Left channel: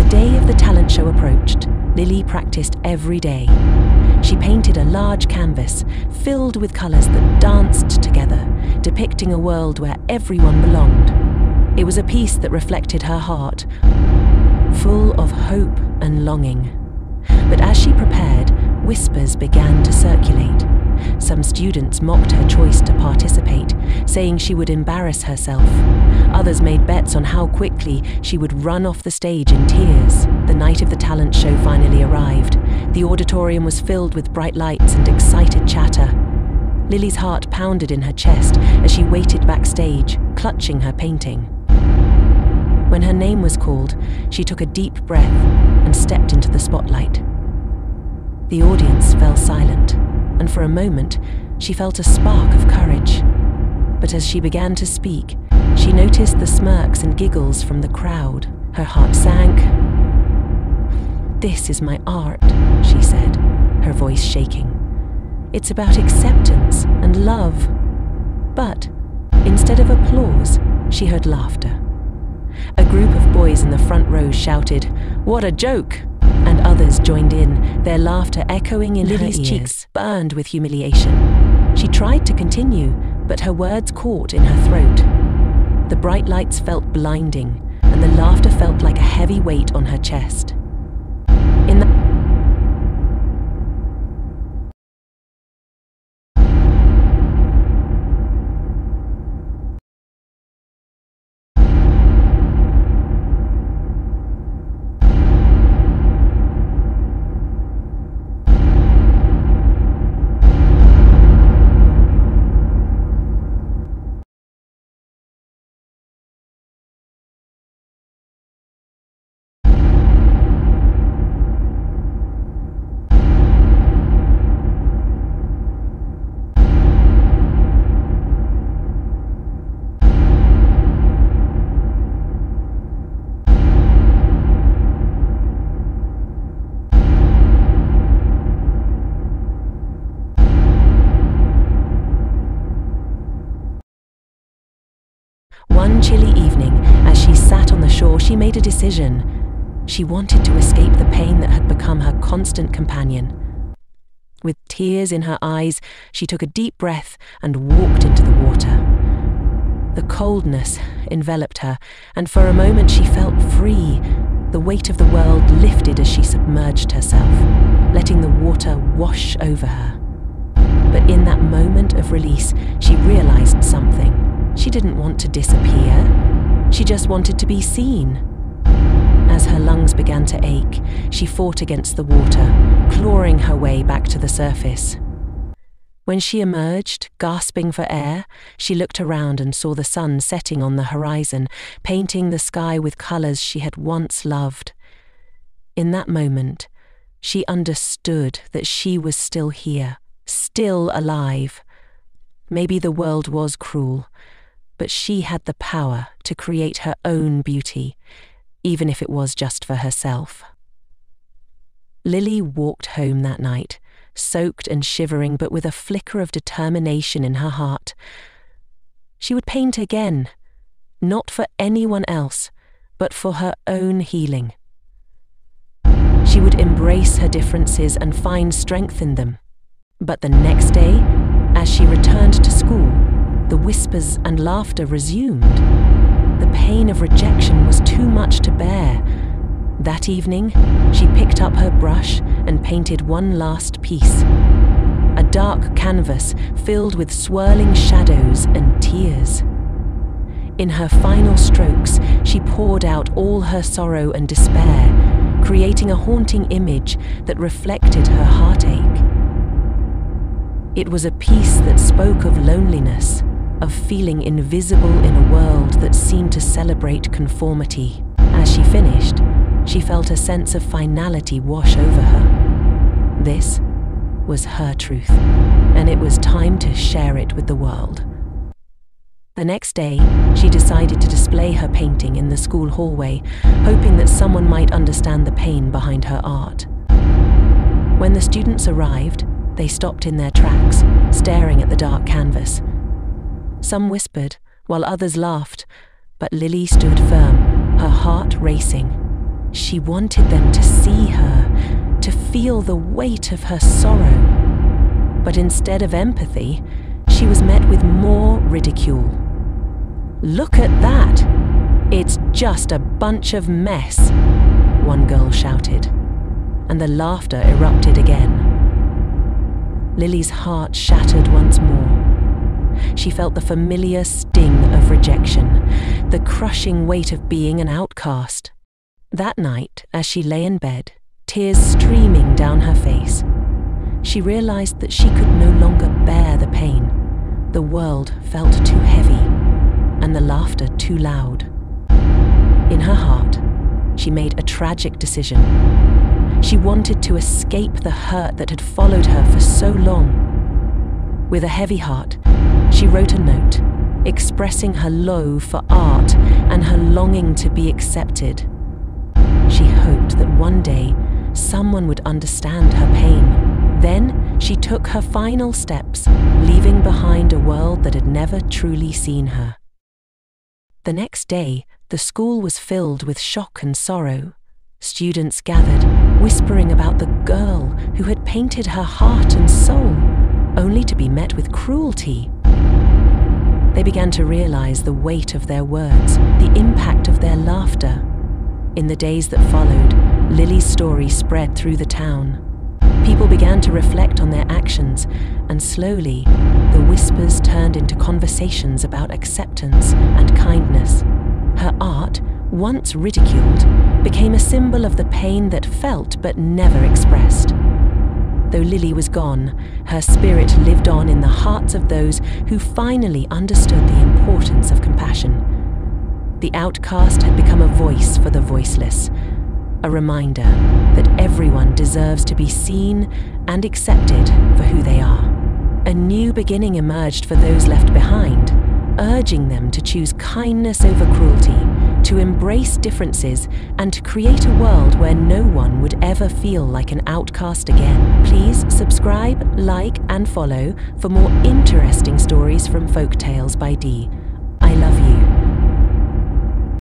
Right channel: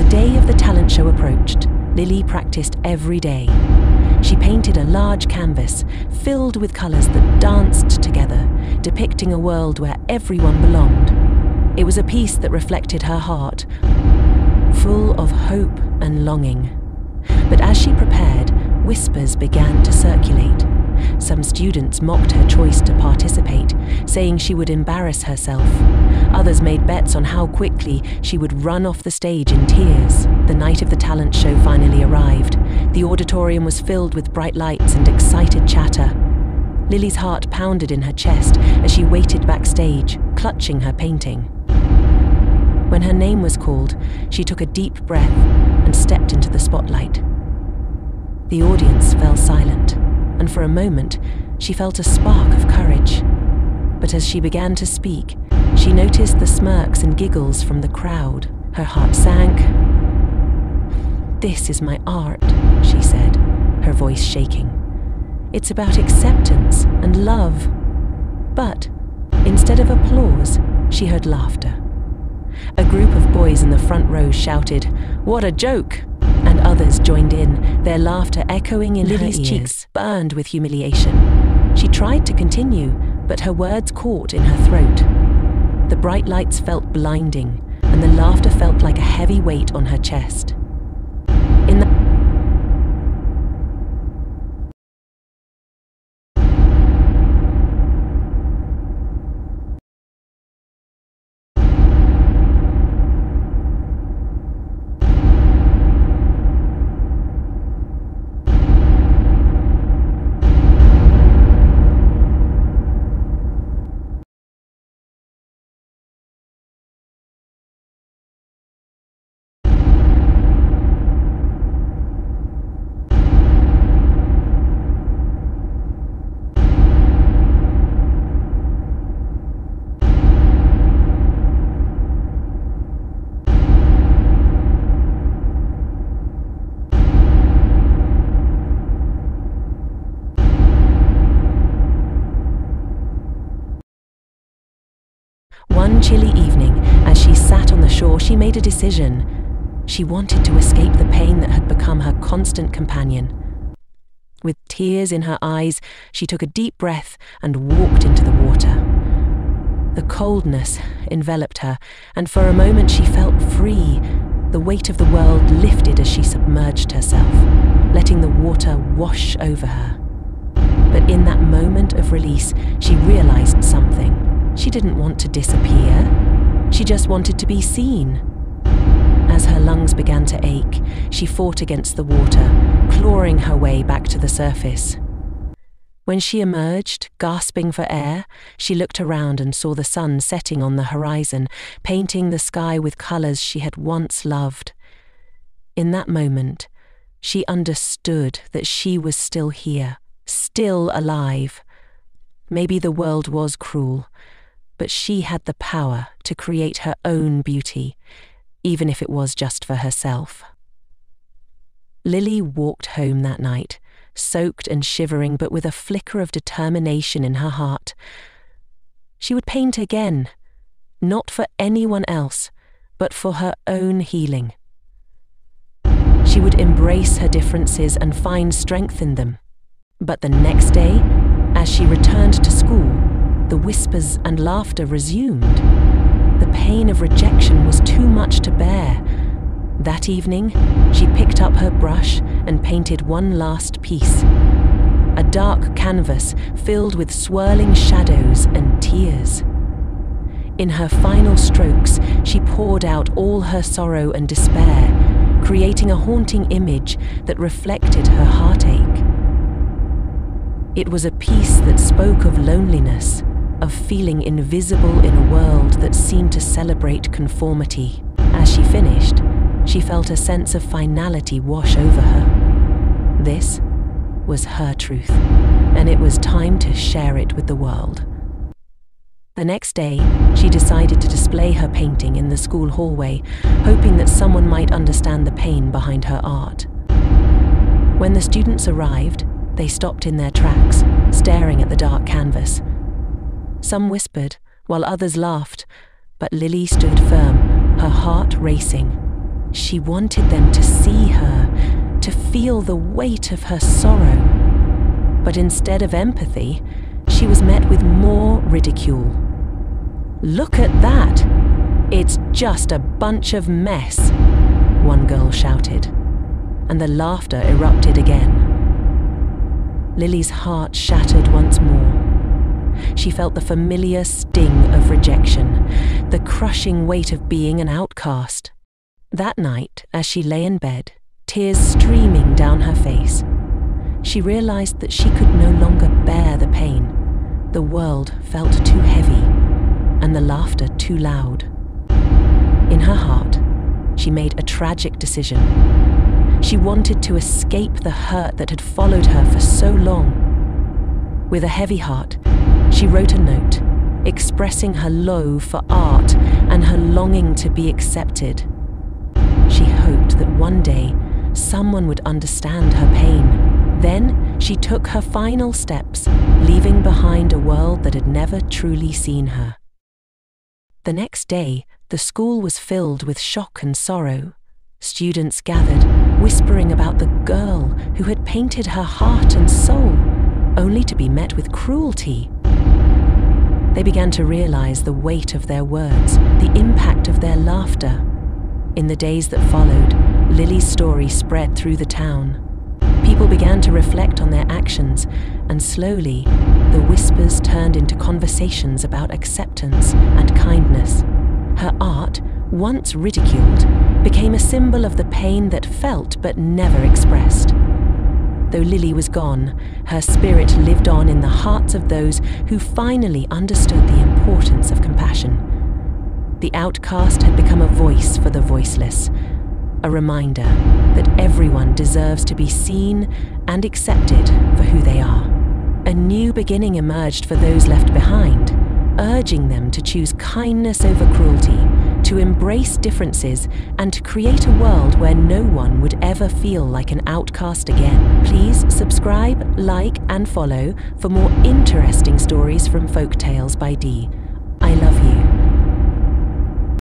the day of the talent show approached, Lily practiced every day. She painted a large canvas filled with colours that danced together, depicting a world where everyone belonged. It was a piece that reflected her heart, full of hope and longing. But as she prepared, whispers began to circulate. Some students mocked her choice to participate, saying she would embarrass herself. Others made bets on how quickly she would run off the stage in tears. The night of the talent show finally arrived. The auditorium was filled with bright lights and excited chatter. Lily's heart pounded in her chest as she waited backstage, clutching her painting. When her name was called, she took a deep breath and stepped into the spotlight. The audience fell silent, and for a moment, she felt a spark of courage. But as she began to speak, she noticed the smirks and giggles from the crowd. Her heart sank. "This is my art," she said, her voice shaking. "It's about acceptance and love." But instead of applause, she heard laughter. A group of boys in the front row shouted, "What a joke!" And others joined in, their laughter echoing in Lily's cheeks, burned with humiliation. She tried to continue, but her words caught in her throat. The bright lights felt blinding, and the laughter felt like a heavy weight on her chest. In one chilly evening, as she sat on the shore, she made a decision. She wanted to escape the pain that had become her constant companion. With tears in her eyes, she took a deep breath and walked into the water. The coldness enveloped her, and for a moment she felt free. The weight of the world lifted as she submerged herself, letting the water wash over her. But in that moment of release, she realized something. She didn't want to disappear. She just wanted to be seen. As her lungs began to ache, she fought against the water, clawing her way back to the surface. When she emerged, gasping for air, she looked around and saw the sun setting on the horizon, painting the sky with colors she had once loved. In that moment, she understood that she was still here, still alive. Maybe the world was cruel, but she had the power to create her own beauty, even if it was just for herself. Lily walked home that night, soaked and shivering, but with a flicker of determination in her heart. She would paint again, not for anyone else, but for her own healing. She would embrace her differences and find strength in them. But the next day, as she returned to school, the whispers and laughter resumed. The pain of rejection was too much to bear. That evening, she picked up her brush and painted one last piece. A dark canvas filled with swirling shadows and tears. In her final strokes, she poured out all her sorrow and despair, creating a haunting image that reflected her heartache. It was a piece that spoke of loneliness, of feeling invisible in a world that seemed to celebrate conformity. As she finished, she felt a sense of finality wash over her. This was her truth, and it was time to share it with the world. The next day, she decided to display her painting in the school hallway, hoping that someone might understand the pain behind her art. When the students arrived, they stopped in their tracks, staring at the dark canvas. Some whispered, while others laughed, but Lily stood firm, her heart racing. She wanted them to see her, to feel the weight of her sorrow. But instead of empathy, she was met with more ridicule. "Look at that! It's just a bunch of mess," one girl shouted, and the laughter erupted again. Lily's heart shattered once more. She felt the familiar sting of rejection, the crushing weight of being an outcast. That night, as she lay in bed, tears streaming down her face, she realized that she could no longer bear the pain. The world felt too heavy, and the laughter too loud. In her heart, she made a tragic decision. She wanted to escape the hurt that had followed her for so long. With a heavy heart, she wrote a note, expressing her loathe for art and her longing to be accepted. She hoped that one day someone would understand her pain. Then she took her final steps, leaving behind a world that had never truly seen her. The next day, the school was filled with shock and sorrow. Students gathered, whispering about the girl who had painted her heart and soul, only to be met with cruelty. They began to realize the weight of their words, the impact of their laughter. In the days that followed, Lily's story spread through the town. People began to reflect on their actions, and slowly, the whispers turned into conversations about acceptance and kindness. Her art, once ridiculed, became a symbol of the pain that felt but never expressed. Though Lily was gone, her spirit lived on in the hearts of those who finally understood the importance of compassion. The outcast had become a voice for the voiceless, a reminder that everyone deserves to be seen and accepted for who they are. A new beginning emerged for those left behind, urging them to choose kindness over cruelty, to embrace differences, and to create a world where no one would ever feel like an outcast again. Please subscribe, like, and follow for more interesting stories from Folk Tales by Dee. I love you.